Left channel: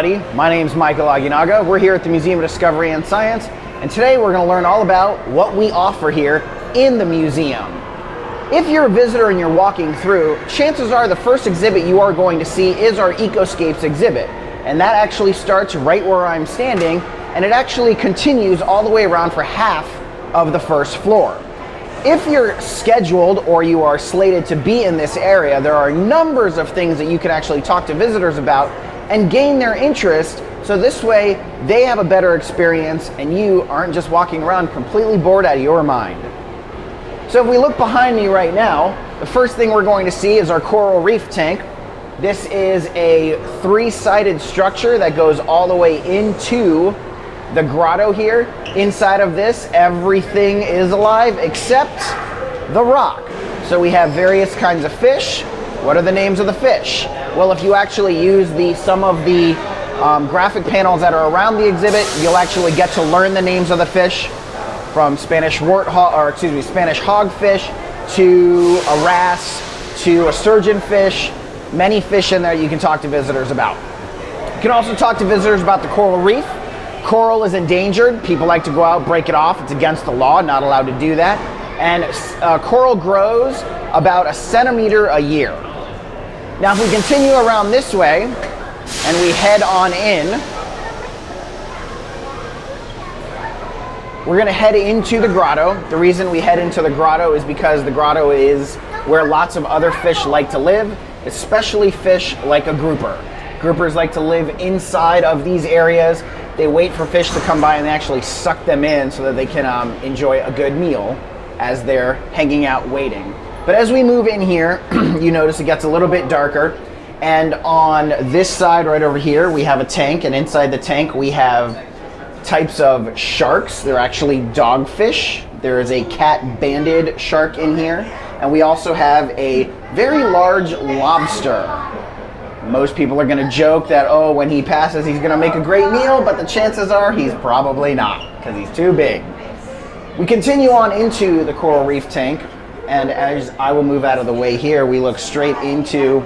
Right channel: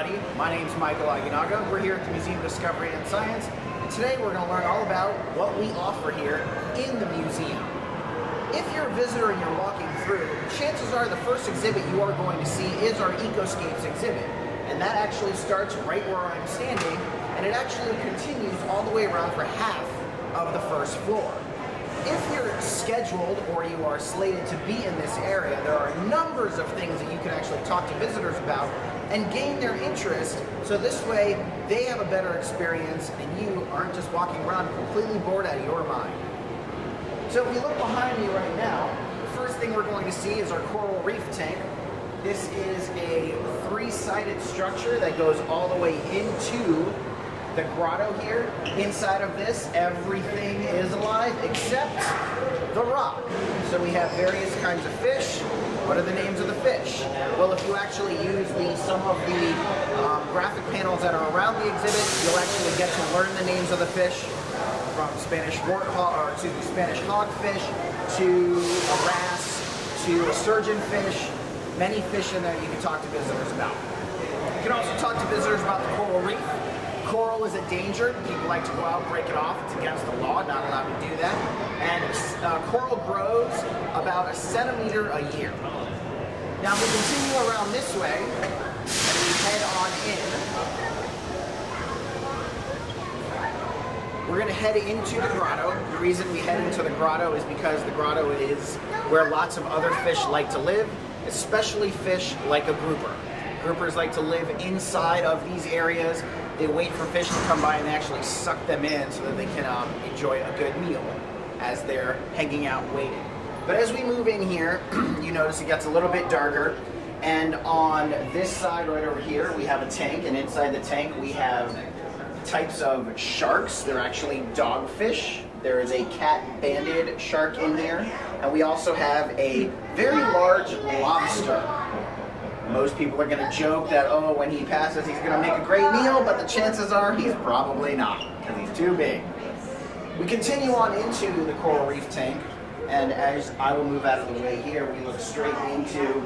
everybody. My name is Michael Aguinaga. We're here at the Museum of Discovery and Science, and today we're going to learn all about what we offer here in the museum. If you're a visitor and you're walking through, chances are the first exhibit you are going to see is our EcoScapes exhibit. And that actually starts right where I'm standing, and it actually continues all the way around for half of the first floor. If you're scheduled or you are slated to be in this area, there are numbers of things that you can actually talk to visitors about and gain their interest, so this way they have a better experience and you aren't just walking around completely bored out of your mind. So if we look behind me right now, the first thing we're going to see is our coral reef tank. This is a three-sided structure that goes all the way into the grotto here. Inside of this, everything is alive except the rock. So we have various kinds of fish. What are the names of the fish? Well, if you actually use some of the graphic panels that are around the exhibit, you'll actually get to learn the names of the fish, from Spanish hogfish to a wrasse to a surgeonfish. Many fish in there you can talk to visitors about. You can also talk to visitors about the coral reef. Coral is endangered. People like to go out, break it off. It's against the law, not allowed to do that. And coral grows about 1 centimeter a year. Now, if we continue around this way and we head on in, we're going to head into the grotto. The reason we head into the grotto is because the grotto is where lots of other fish like to live, especially fish like a grouper. Groupers like to live inside of these areas. They wait for fish to come by and they actually suck them in so that they can enjoy a good meal as they're hanging out waiting. But as we move in here, you notice it gets a little bit darker. And on this side right over here, we have a tank, and inside the tank we have types of sharks. They're actually dogfish. There is a cat-banded shark in here. And we also have a very large lobster. Most people are going to joke that, oh, when he passes, he's going to make a great meal, but the chances are he's probably not, because he's too big. We continue on into the coral reef tank, and as I will move out of the way here, we look straight into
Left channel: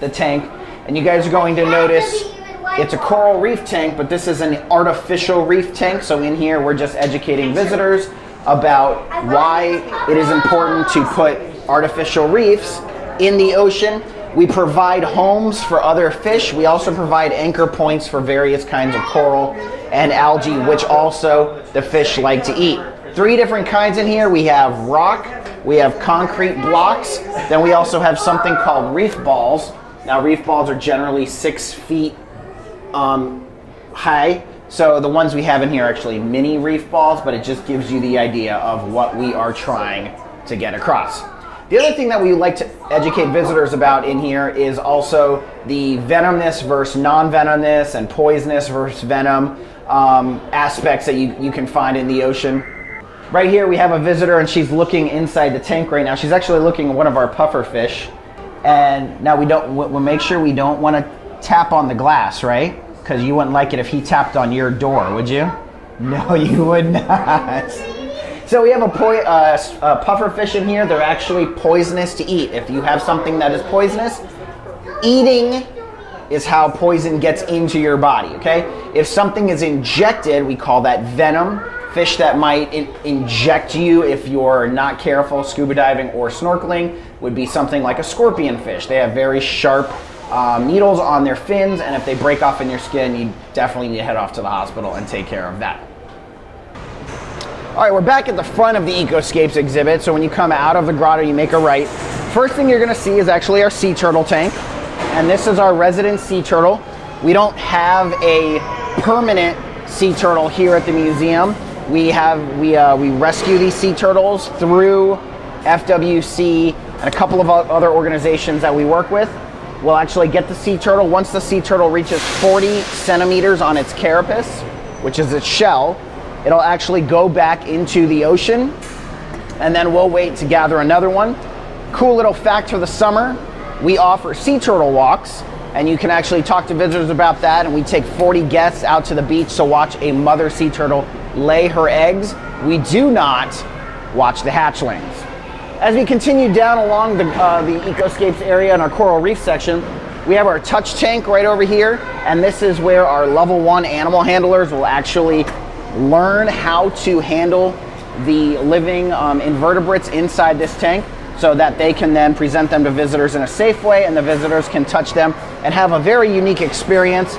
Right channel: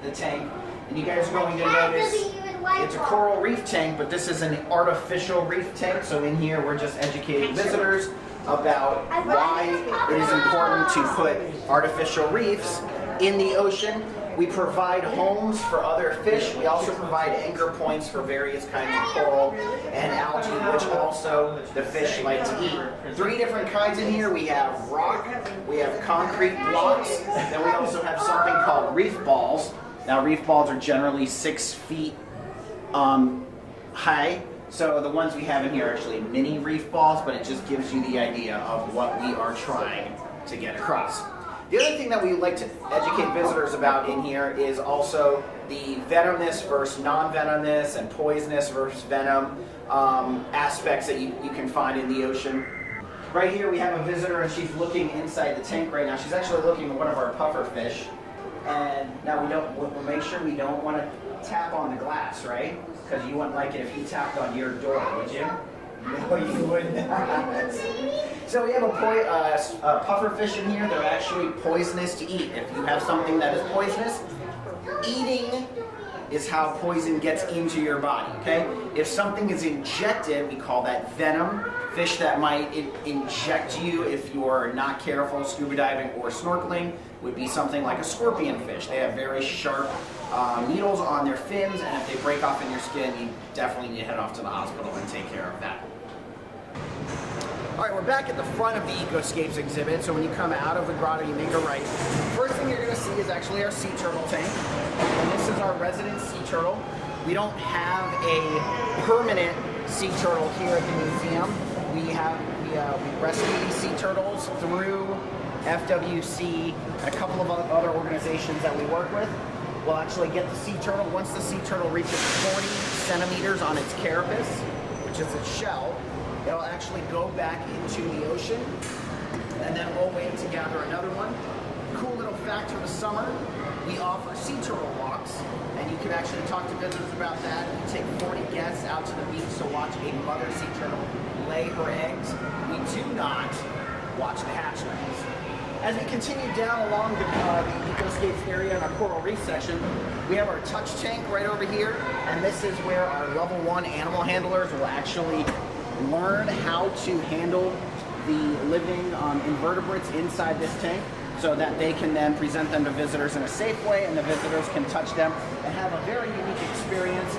the tank, and you guys are going to notice it's a coral reef tank, but this is an artificial reef tank, so in here we're just educating visitors about why it is important to put artificial reefs in the ocean. We provide homes for other fish. We also provide anchor points for various kinds of coral and algae, which also the fish like to eat. 3 different kinds in here. We have rock, we have concrete blocks, then we also have something called reef balls. Now, reef balls are generally 6 feet high. So the ones we have in here are actually mini reef balls, but it just gives you the idea of what we are trying to get across. The other thing that we like to educate visitors about in here is also the venomous versus non-venomous and poisonous versus venom aspects that you can find in the ocean. Right here we have a visitor and she's looking inside the tank right now. She's actually looking at one of our puffer fish. And now we'll make sure we don't want to tap on the glass, right? Because you wouldn't like it if he tapped on your door, would you? No, you would not. So we have a puffer fish in here. They're actually poisonous to eat. If you have something that is poisonous, eating is how poison gets into your body, okay? If something is injected, we call that venom. Fish that might inject you if you're not careful, scuba diving or snorkeling, would be something like a scorpion fish. They have very sharp needles on their fins, and if they break off in your skin, you definitely need to head off to the hospital and take care of that. All right, we're back at the front of the EcoScapes exhibit. So when you come out of the grotto, you make a right. First thing you're gonna see is actually our sea turtle tank. And this is our resident sea turtle. We don't have a permanent sea turtle here at the museum. We rescue these sea turtles through FWC and a couple of other organizations that we work with. We'll actually get the sea turtle. Once the sea turtle reaches 40 centimeters on its carapace, which is its shell, it'll actually go back into the ocean, and then we'll wait to gather another one. Cool little fact for the summer, we offer sea turtle walks, and you can actually talk to visitors about that, and we take 40 guests out to the beach to watch a mother sea turtle lay her eggs. We do not watch the hatchlings. As we continue down along the EcoScapes area in our coral reef section, We have our touch tank right over here, and this is where our level 1 animal handlers will actually learn how to handle the living invertebrates inside this tank, so that they can then present them to visitors in a safe way, and the visitors can touch them and have a very unique experience.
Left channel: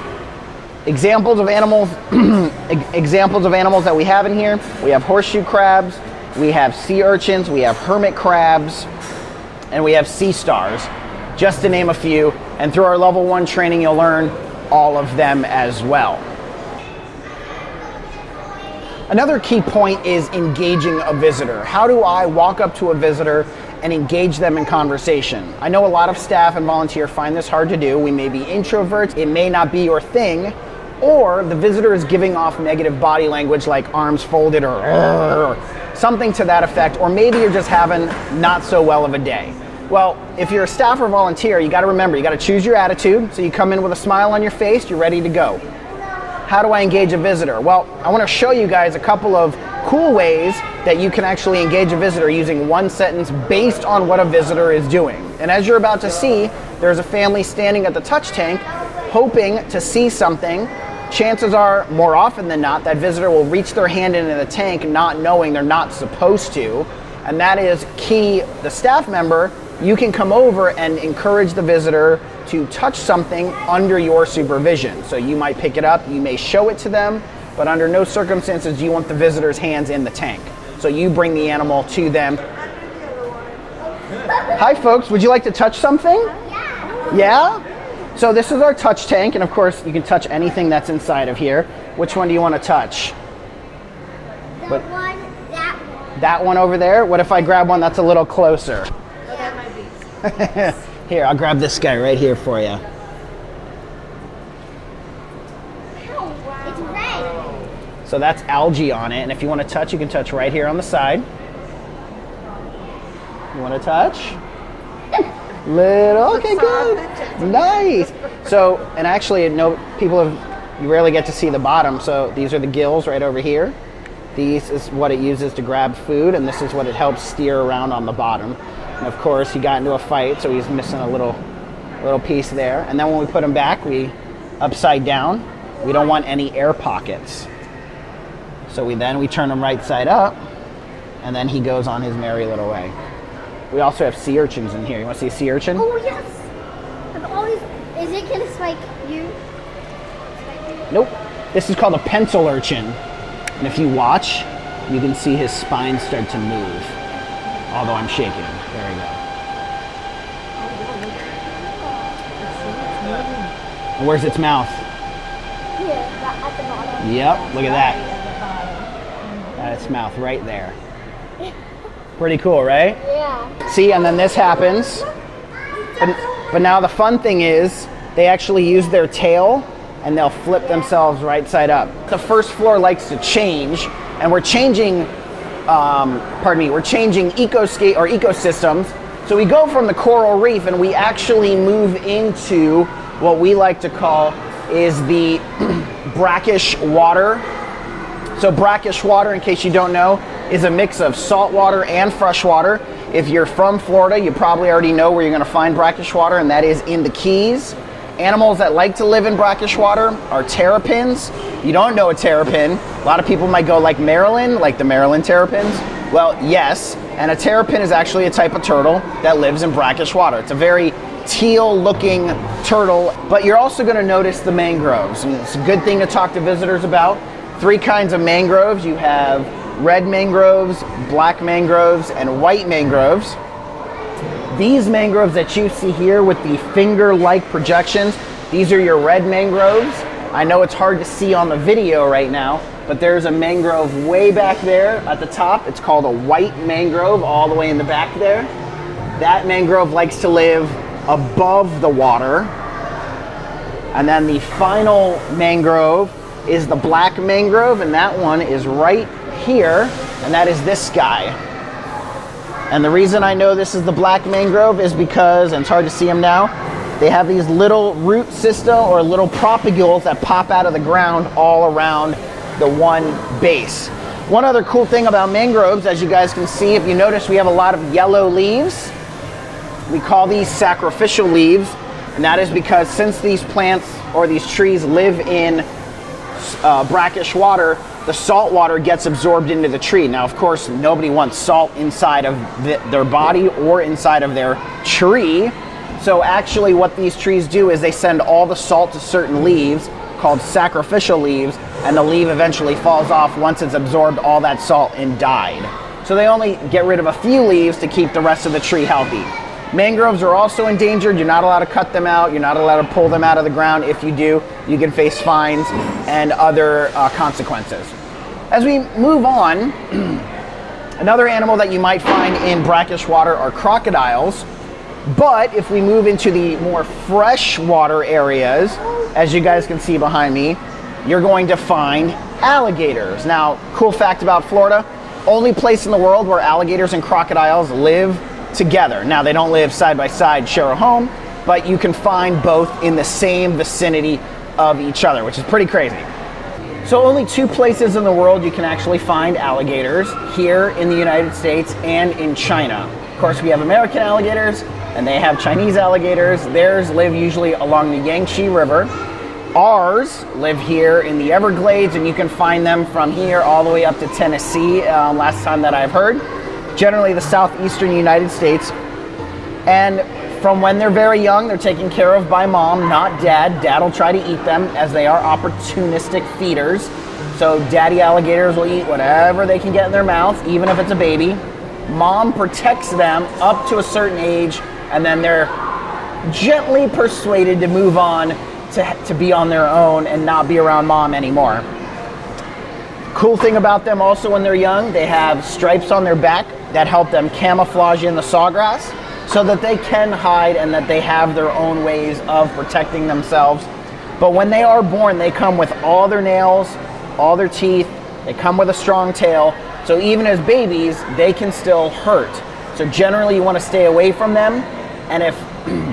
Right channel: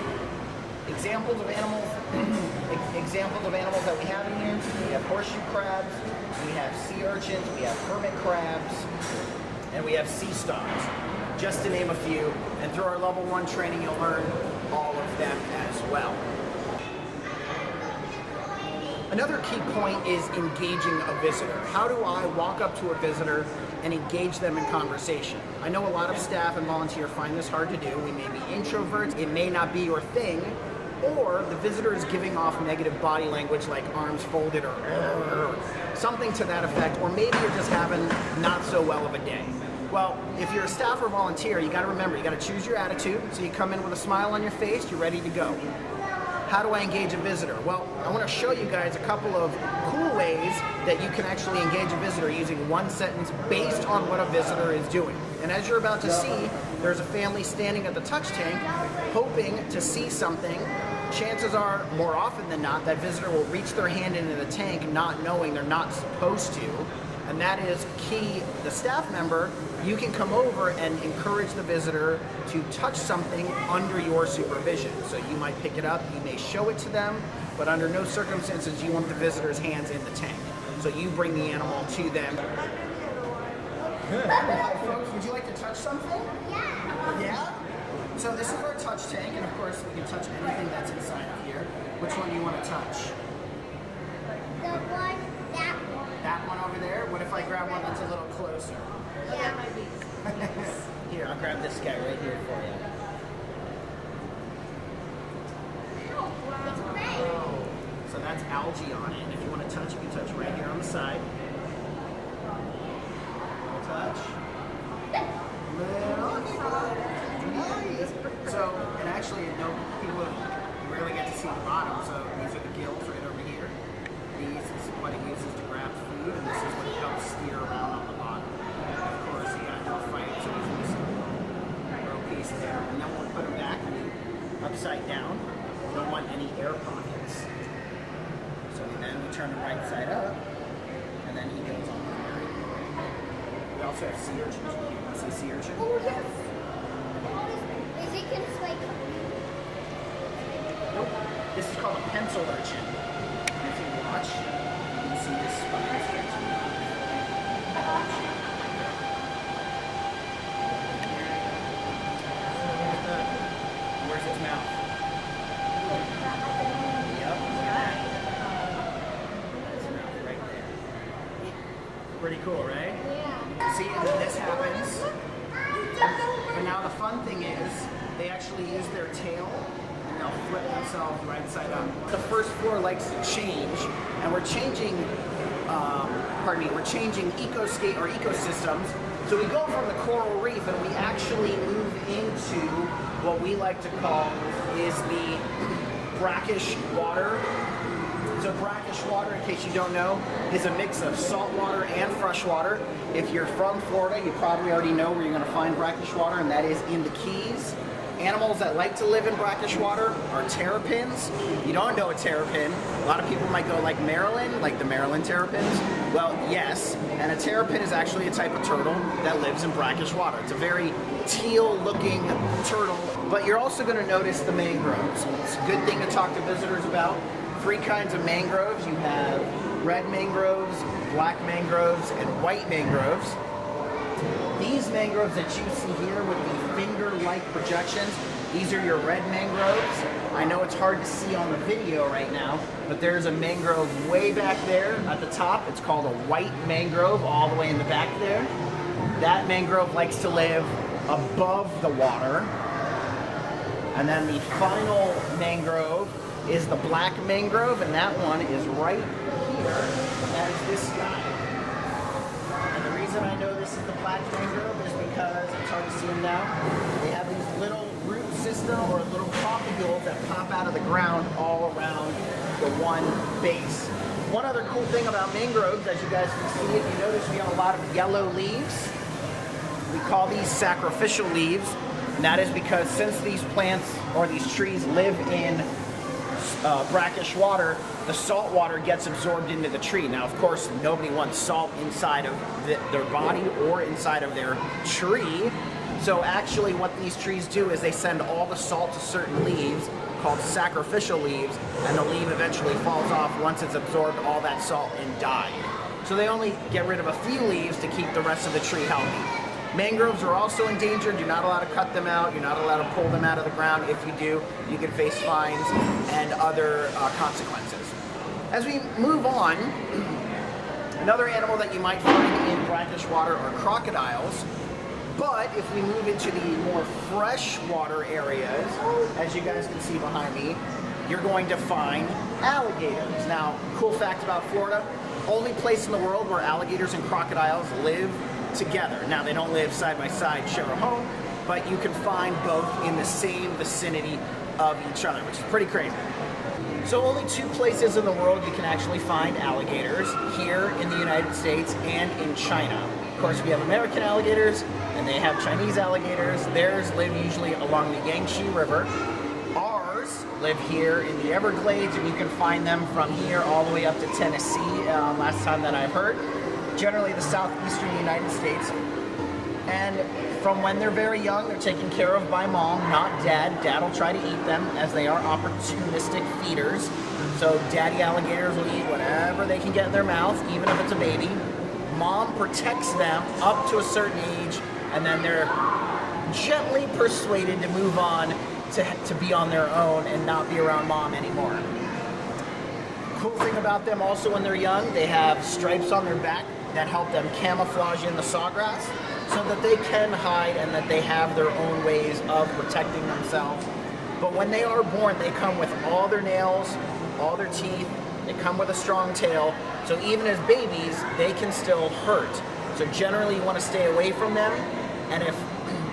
Examples of animals that we have in here: we have horseshoe crabs, we have sea urchins, we have hermit crabs, and we have sea stars, just to name a few. And through our level 1 training, you'll learn all of them as well. Another key point is engaging a visitor. How do I walk up to a visitor and engage them in conversation? I know a lot of staff and volunteers find this hard to do. We may be introverts, it may not be your thing, or the visitor is giving off negative body language like arms folded or something to that effect, or maybe you're just having not so well of a day. Well, if you're a staff or volunteer, you gotta remember, you gotta choose your attitude. So you come in with a smile on your face, you're ready to go. How do I engage a visitor? Well, I wanna show you guys a couple of cool ways that you can actually engage a visitor using one sentence based on what a visitor is doing. And as you're about to see, there's a family standing at the touch tank hoping to see something. Chances are, more often than not, that visitor will reach their hand into the tank not knowing they're not supposed to. And that is key. The staff member, you can come over and encourage the visitor to touch something under your supervision. So you might pick it up, you may show it to them, but under no circumstances do you want the visitor's hands in the tank. So you bring the animal to them. Hi folks, would you like to touch something? Yeah? Yeah? So this is our touch tank, and of course you can touch anything that's inside of here. Which one do you want to touch? That one. That one over there? What if I grab one that's a little closer? Oh, that might be. Here, I'll grab this guy right here for you. It's red. So that's algae on it, and if you want to touch, you can touch right here on the side. You want to touch? Little, okay, good. Nice. So, and actually, you rarely get to see the bottom, so these are the gills right over here. These is what it uses to grab food, and this is what it helps steer around on the bottom. And of course, he got into a fight, so he's missing a little piece there. And then when we put him back, we upside down. We don't want any air pockets. So we turn him right side up, and then he goes on his merry little way. We also have sea urchins in here. You want to see a sea urchin? Oh, yes. Is it going to spike you? Nope. This is called a pencil urchin. And if you watch, you can see his spine start to move. Although I'm shaking. There we go. And where's its mouth? Here, at the bottom. Yep, look at that. That's its mouth right there. Pretty cool, right? Yeah. See, and then this happens. But now the fun thing is, they actually use their tail and they'll flip themselves right side up. The first floor likes to change, and we're changing, we're changing ecosystems. So we go from the coral reef and we actually move into what we like to call is the brackish water. So brackish water, in case you don't know, is a mix of salt water and fresh water. If you're from Florida, you probably already know where you're going to find brackish water, and that is in the Keys. Animals that like to live in brackish water are terrapins. You don't know a terrapin. A lot of people might go like Maryland, like the Maryland terrapins. Well, yes, and a terrapin is actually a type of turtle that lives in brackish water. It's a very teal-looking turtle, but you're also going to notice the mangroves. And it's a good thing to talk to visitors about. 3 kinds of mangroves. You have red mangroves, black mangroves, and white mangroves. These mangroves that you see here with the finger-like projections, these are your red mangroves. I know it's hard to see on the video right now, but there's a mangrove way back there at the top. It's called a white mangrove all the way in the back there. That mangrove likes to live above the water. And then the final mangrove is the black mangrove, and that one is right here, and that is this guy. And the reason I know this is the black mangrove is because, and it's hard to see them now, they have these little root system or little propagules that pop out of the ground all around the one base. One other cool thing about mangroves, as you guys can see, if you notice, we have a lot of yellow leaves. We call these sacrificial leaves. And that is because since these plants or these trees live in brackish water, the salt water gets absorbed into the tree. Now, of course, nobody wants salt inside of their body or inside of their tree. So actually what these trees do is they send all the salt to certain leaves called sacrificial leaves, and the leaf eventually falls off once it's absorbed all that salt and died. So they only get rid of a few leaves to keep the rest of the tree healthy. Mangroves are also endangered. You're not allowed to cut them out. You're not allowed to pull them out of the ground. If you do, you can face fines and other consequences. As we move on, another animal that you might find in brackish water are crocodiles. But if we move into the more freshwater areas, as you guys can see behind me, you're going to find alligators. Now, cool fact about Florida, only place in the world where alligators and crocodiles live together. Now, they don't live side by side, share a home, but you can find both in the same vicinity of each other, which is pretty crazy. So only 2 places in the world you can actually find alligators, here in the United States and in China. Of course, we have American alligators, and they have Chinese alligators. Theirs live usually along the Yangtze River. Ours live here in the Everglades, and you can find them from here all the way up to Tennessee, last time that I've heard. Generally the southeastern United States. And from when they're very young, they're taken care of by mom, not dad. Dad will try to eat them, as they are opportunistic feeders. So daddy alligators will eat whatever they can get in their mouth, even if it's a baby. Mom protects them up to a certain age, and then they're gently persuaded to move on to be on their own and not be around mom anymore. Cool thing about them also when they're young, they have stripes on their back that help them camouflage in the sawgrass so that they can hide and that they have their own ways of protecting themselves. But when they are born, they come with all their nails, all their teeth, they come with a strong tail. So even as babies, they can still hurt. So generally you want to stay away from them. And if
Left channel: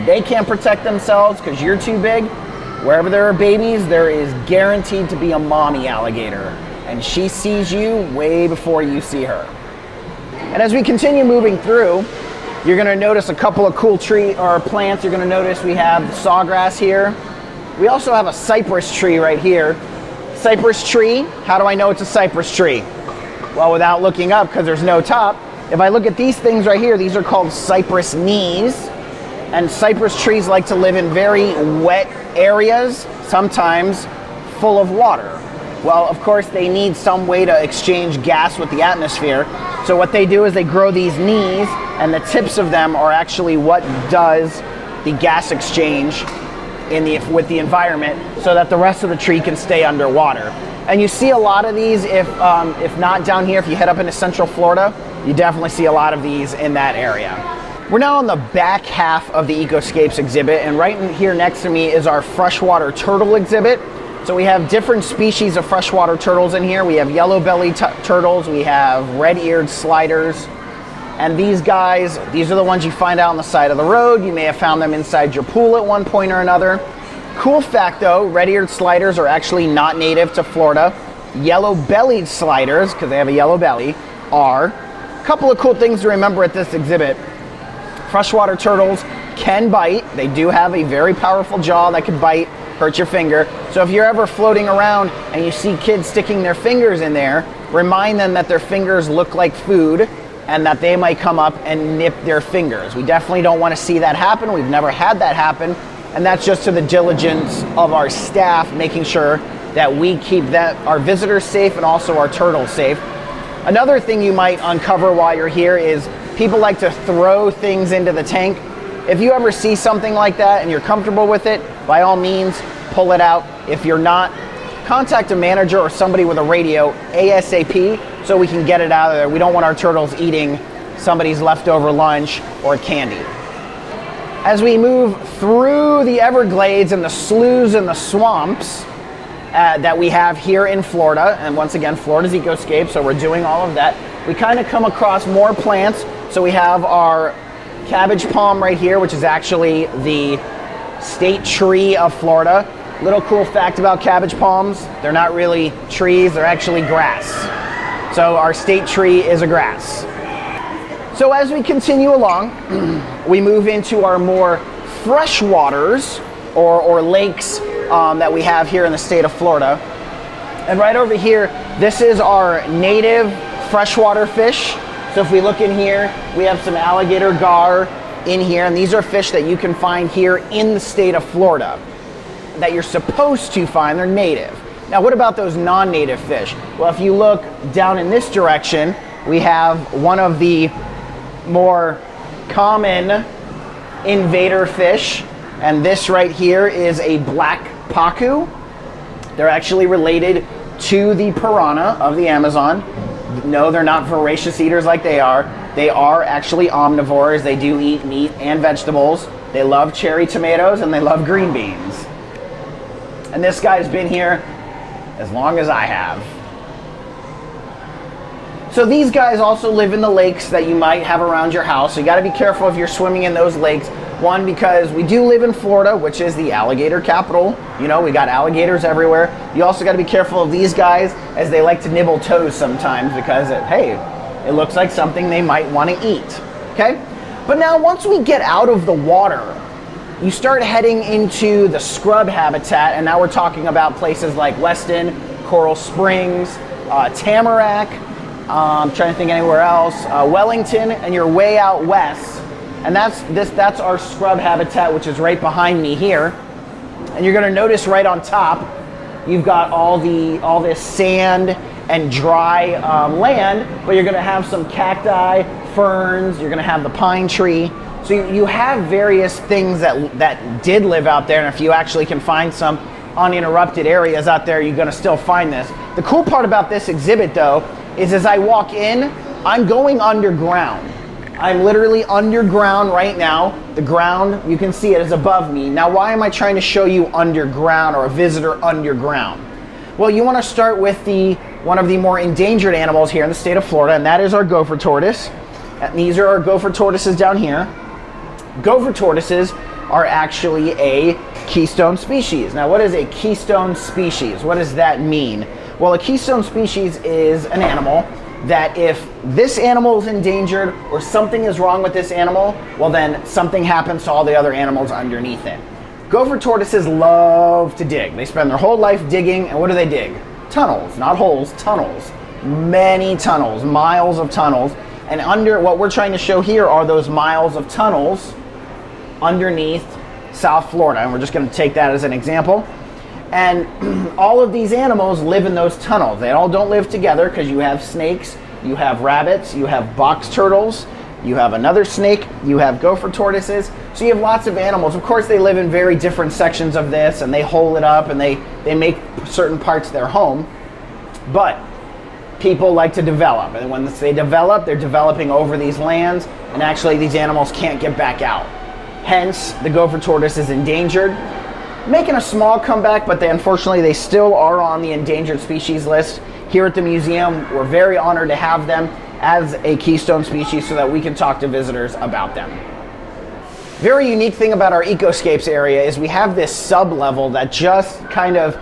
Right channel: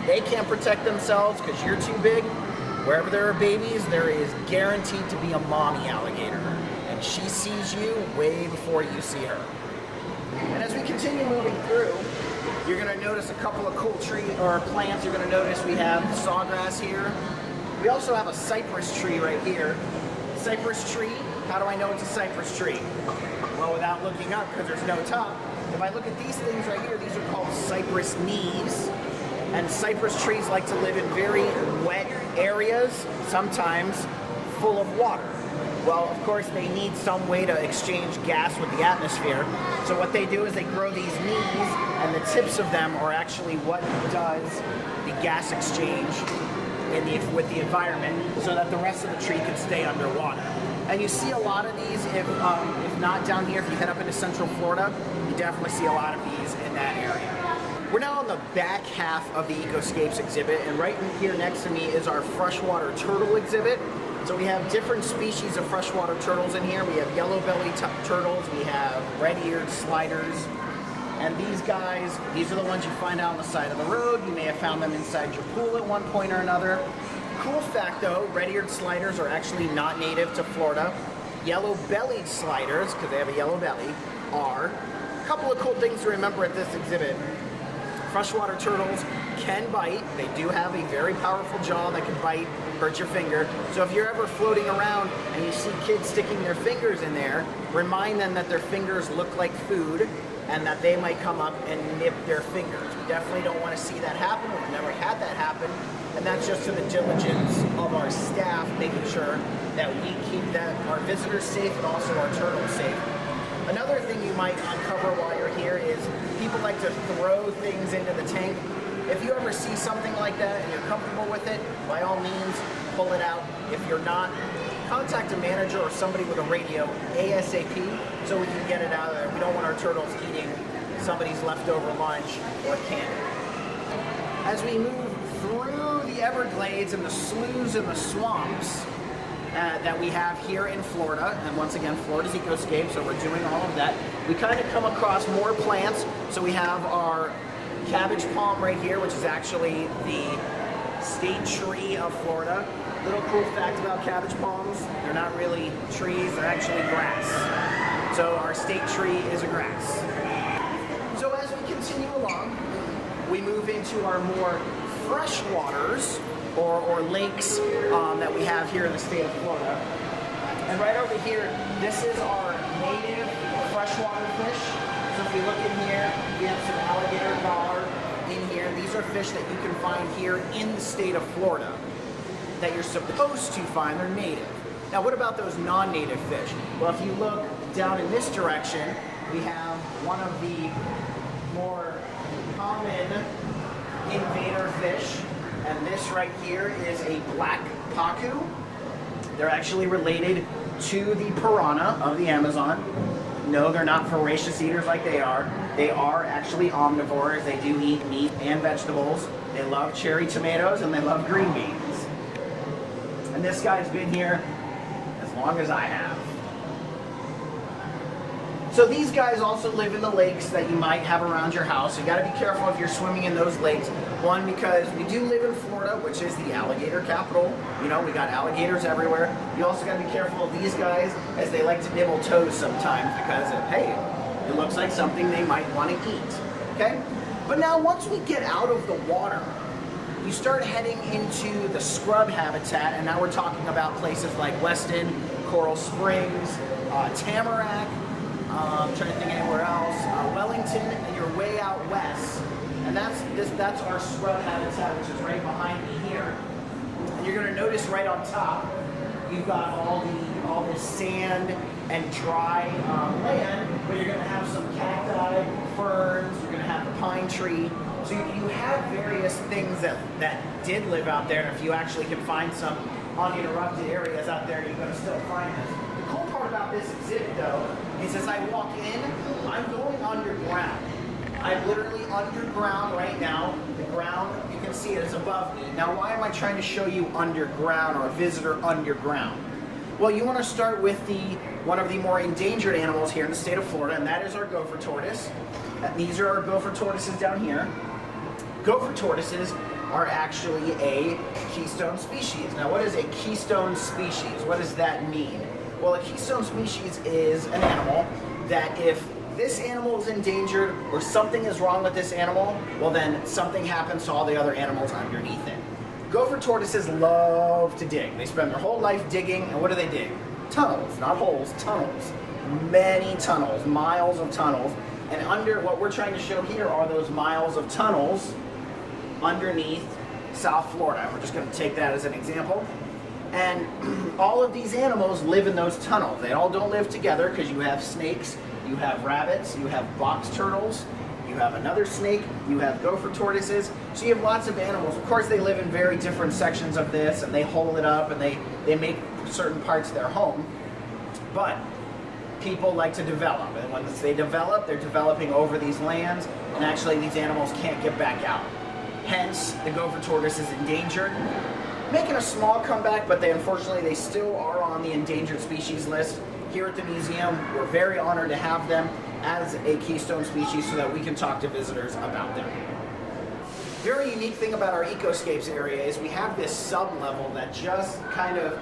they can't protect themselves because you're too big, wherever there are babies, there is guaranteed to be a mommy alligator. And she sees you way before you see her. And as we continue moving through, you're going to notice a couple of cool plants. You're going to notice we have sawgrass here. We also have a cypress tree right here. Cypress tree, how do I know it's a cypress tree? Well, without looking up, because there's no top, if I look at these things right here, these are called cypress knees. And cypress trees like to live in very wet areas, sometimes full of water. Well, of course, they need some way to exchange gas with the atmosphere. So what they do is they grow these knees, and the tips of them are actually what does the gas exchange with the environment so that the rest of the tree can stay underwater. And you see a lot of these, if not down here, if you head up into Central Florida, you definitely see a lot of these in that area. We're now on the back half of the EcoScapes exhibit, and right in here next to me is our freshwater turtle exhibit. So we have different species of freshwater turtles in here. We have yellow-bellied turtles, we have red-eared sliders, and these guys, these are the ones you find out on the side of the road. You may have found them inside your pool at one point or another. Cool fact though, red-eared sliders are actually not native to Florida. Yellow-bellied sliders, because they have a yellow belly, are. A couple of cool things to remember at this exhibit. Freshwater turtles can bite. They do have a very powerful jaw that can bite, hurt your finger. So if you're ever floating around and you see kids sticking their fingers in there, remind them that their fingers look like food and that they might come up and nip their fingers. We definitely don't want to see that happen. We've never had that happen. And that's just to the diligence of our staff, making sure that we keep our visitors safe and also our turtles safe. Another thing you might uncover while you're here is people like to throw things into the tank. If you ever see something like that and you're comfortable with it, by all means, pull it out. If you're not, contact a manager or somebody with a radio ASAP so we can get it out of there. We don't want our turtles eating somebody's leftover lunch or candy. As we move through the Everglades and the sloughs and the swamps that we have here in Florida, and once again, Florida's EcoScapes, so we're doing all of that, we kind of come across more plants. So we have our cabbage palm right here, which is actually the state tree of Florida. Little cool fact about cabbage palms, they're not really trees, they're actually grass. So our state tree is a grass. So as we continue along, we move into our more freshwaters or lakes that we have here in the state of Florida. And right over here, this is our native freshwater fish. So if we look in here, we have some alligator gar in here, and these are fish that you can find here in the state of Florida that you're supposed to find. They're native. Now, what about those non-native fish? Well, if you look down in this direction, we have one of the more common invader fish, and this right here is a black pacu. They're actually related to the piranha of the Amazon. No, they're not voracious eaters like they are. They are actually omnivores. They do eat meat and vegetables. They love cherry tomatoes and they love green beans. And this guy's been here as long as I have. So these guys also live in the lakes that you might have around your house. So you gotta be careful if you're swimming in those lakes. One, because we do live in Florida, which is the alligator capital. You know, we got alligators everywhere. You also gotta be careful of these guys, as they like to nibble toes sometimes because, it looks like something they might wanna eat, okay? But now, once we get out of the water, you start heading into the scrub habitat, and now we're talking about places like Weston, Coral Springs, Tamarack, I'm trying to think anywhere else, Wellington, and you're way out west. And that's our scrub habitat, which is right behind me here. And you're gonna notice right on top, you've got all this sand and dry land, but you're gonna have some cacti, ferns, you're gonna have the pine tree. So you have various things that did live out there, and if you actually can find some uninterrupted areas out there, you're gonna still find this. The cool part about this exhibit, though, is as I walk in, I'm going underground. I'm literally underground right now. The ground, you can see it, is above me. Now, why am I trying to show you underground or a visitor underground? Well, you wanna start with one of the more endangered animals here in the state of Florida, and that is our gopher tortoise. And these are our gopher tortoises down here. Gopher tortoises are actually a keystone species. Now, what is a keystone species? What does that mean? Well, a keystone species is an animal that if this animal is endangered or something is wrong with this animal, well then something happens to all the other animals underneath it. Gopher tortoises love to dig. They spend their whole life digging, and what do they dig? Tunnels, not holes, tunnels. Many tunnels, miles of tunnels. And what we're trying to show here are those miles of tunnels underneath South Florida. And we're just gonna take that as an example. And all of these animals live in those tunnels. They all don't live together because you have snakes, you have rabbits, you have box turtles, you have another snake, you have gopher tortoises. So you have lots of animals. Of course, they live in very different sections of this, and they hole it up and they make certain parts their home. But people like to develop, and when they develop, they're developing over these lands, and actually these animals can't get back out. Hence, the gopher tortoise is endangered, making a small comeback, but unfortunately they still are on the endangered species list. Here at the museum, we're very honored to have them as a keystone species so that we can talk to visitors about them. Very unique thing about our EcoScapes area is we have this sub-level that just kind of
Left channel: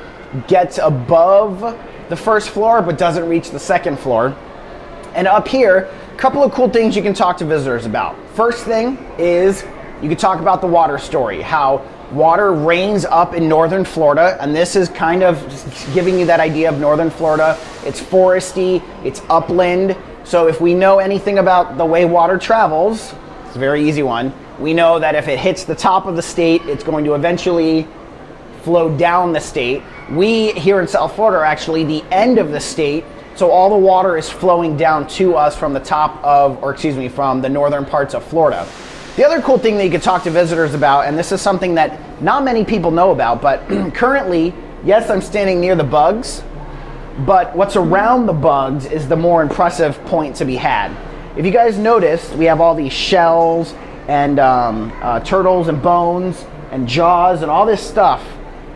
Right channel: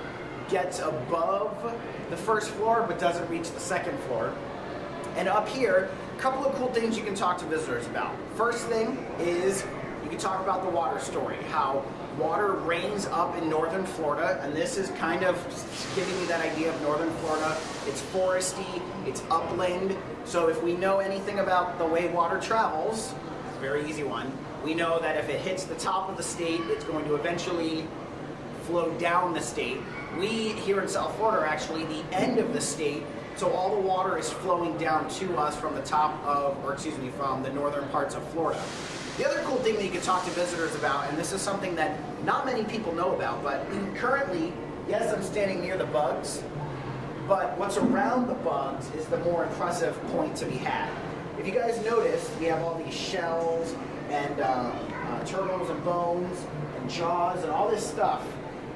gets above the first floor but doesn't reach the second floor. And up here, a couple of cool things you can talk to visitors about. First thing is you can talk about the water story, how water rains up in northern Florida, and this is kind of just giving you that idea of northern Florida. It's foresty, it's upland, so if we know anything about the way water travels, it's a very easy one. We know that if it hits the top of the state, it's going to eventually flow down the state. We here in South Florida are actually the end of the state, so all the water is flowing down to us from the from the northern parts of Florida. The other cool thing that you could talk to visitors about, and this is something that not many people know about, but currently, yes, I'm standing near the bugs, but what's around the bugs is the more impressive point to be had. If you guys noticed, we have all these shells and turtles and bones and jaws and all this stuff.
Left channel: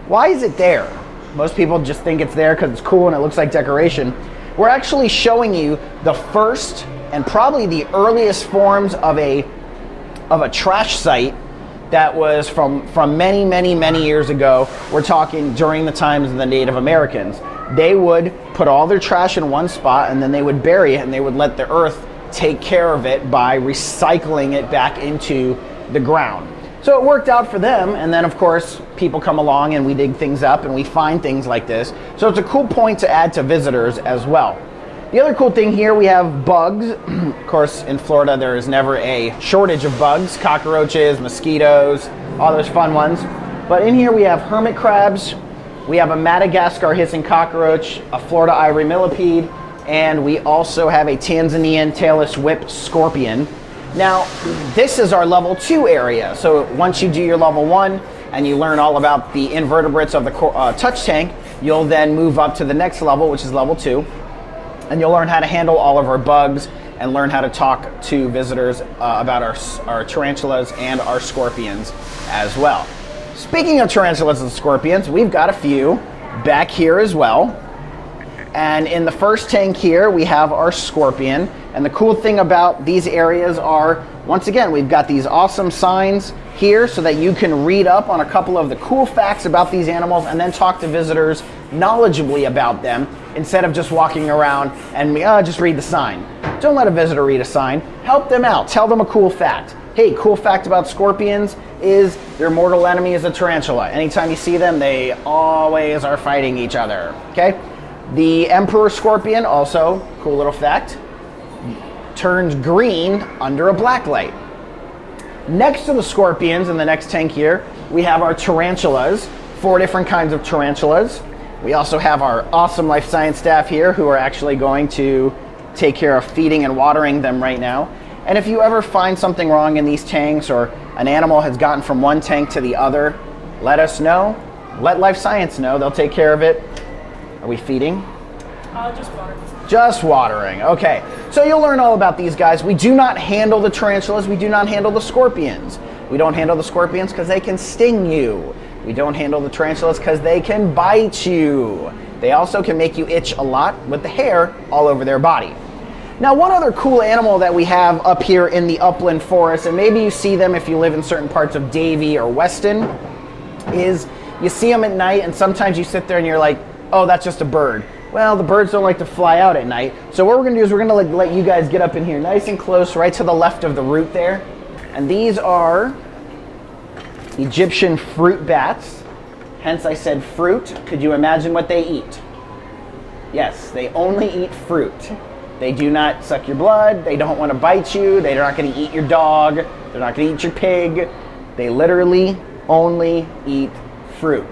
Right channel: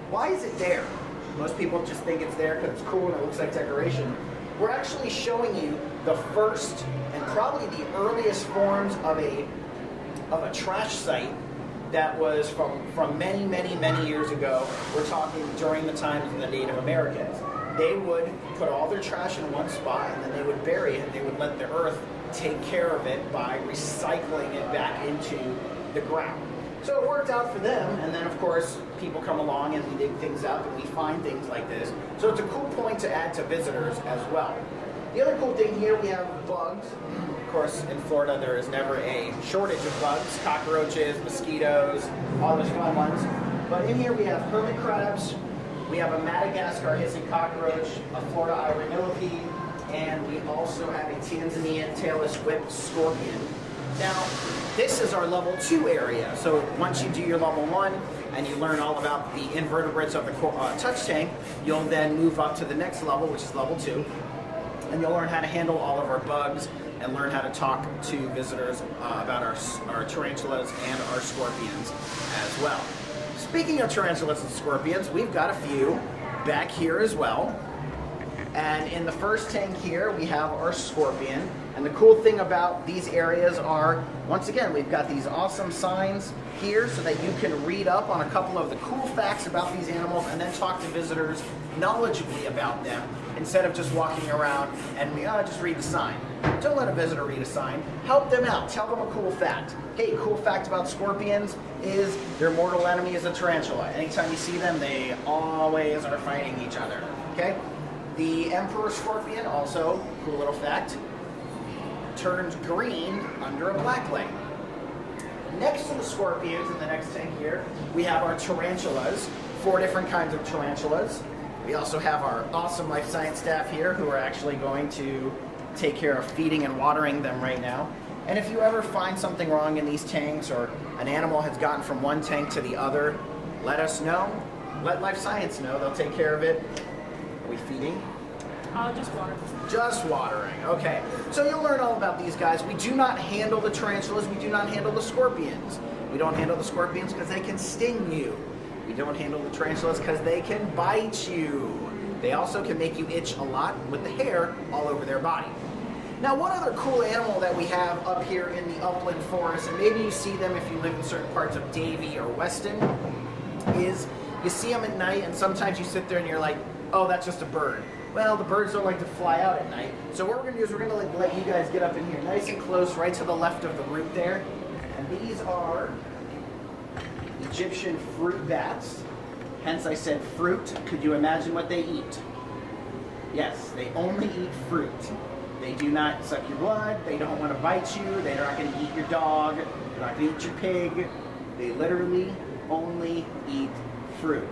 Why is it there? Most people just think it's there because it's cool and it looks like decoration. We're actually showing you the first and probably the earliest forms of a trash site that was from many years ago. We're talking during the times of the Native Americans. They would put all their trash in one spot and then they would bury it and they would let the earth take care of it by recycling it back into the ground. So it worked out for them, and then of course people come along and we dig things up and we find things like this. So it's a cool point to add to visitors as well. The other cool thing here, we have bugs. Of course, in Florida there is never a shortage of bugs, cockroaches, mosquitoes, all those fun ones. But in here we have hermit crabs, we have a Madagascar hissing cockroach, a Florida ivory millipede, and we also have a Tanzanian tailless whip scorpion. Now, this is our level 2 area. So once you do your level 1 and you learn all about the invertebrates of the touch tank, you'll then move up to the next level, which is level 2. And you'll learn how to handle all of our bugs and learn how to talk to visitors about our tarantulas and our scorpions as well. Speaking of tarantulas and scorpions, we've got a few back here as well. And in the first tank here, we have our scorpion. And the cool thing about these areas are, once again, we've got these awesome signs here so that you can read up on a couple of the cool facts about these animals and then talk to visitors knowledgeably about them instead of just walking around and just read the sign. Don't let a visitor read a sign. Help them out. Tell them a cool fact. Hey, cool fact about scorpions is their mortal enemy is a tarantula. Anytime you see them, they always are fighting each other. Okay? The emperor scorpion, also cool little fact, turns green under a black light. Next to the scorpions in the next tank here, we have our tarantulas, 4 different kinds of tarantulas. We also have our awesome life science staff here who are actually going to take care of feeding and watering them right now. And if you ever find something wrong in these tanks or an animal has gotten from one tank to the other, let us know. Let life science know. They'll take care of it. Are we feeding? Just water. Just watering. Okay. So you'll learn all about these guys. We do not handle the tarantulas. We do not handle the scorpions. We don't handle the scorpions because they can sting you. We don't handle the tarantulas because they can bite you. They also can make you itch a lot with the hair all over their body. Now, one other cool animal that we have up here in the upland forest, and maybe you see them if you live in certain parts of Davie or Weston, is you see them at night and sometimes you sit there and you're like, oh, that's just a bird. Well, the birds don't like to fly out at night. So what we're going to do is we're going to let you guys get up in here nice and close, right to the left of the root there. And these are Egyptian fruit bats. Hence I said fruit. Could you imagine what they eat? Yes, they only eat fruit. They do not suck your blood. They don't want to bite you. They're not going to eat your dog. They're not going to eat your pig. They literally only eat fruit.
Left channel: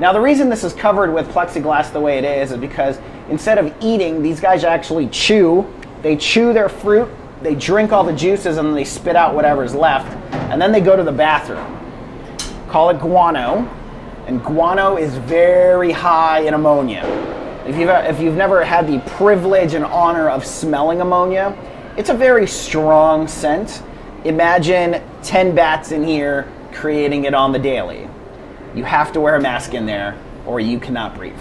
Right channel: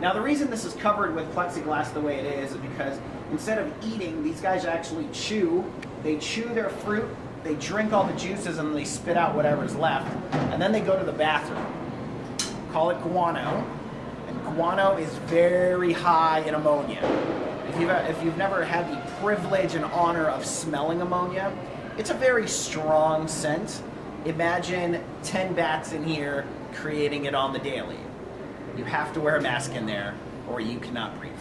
Now, the reason this is covered with plexiglass the way it is because instead of eating, these guys actually chew. They chew their fruit, they drink all the juices, and then they spit out whatever's left, and then they go to the bathroom. Call it guano, and guano is very high in ammonia. If you've never had the privilege and honor of smelling ammonia, it's a very strong scent. Imagine 10 bats in here creating it on the daily. You have to wear a mask in there or you cannot breathe.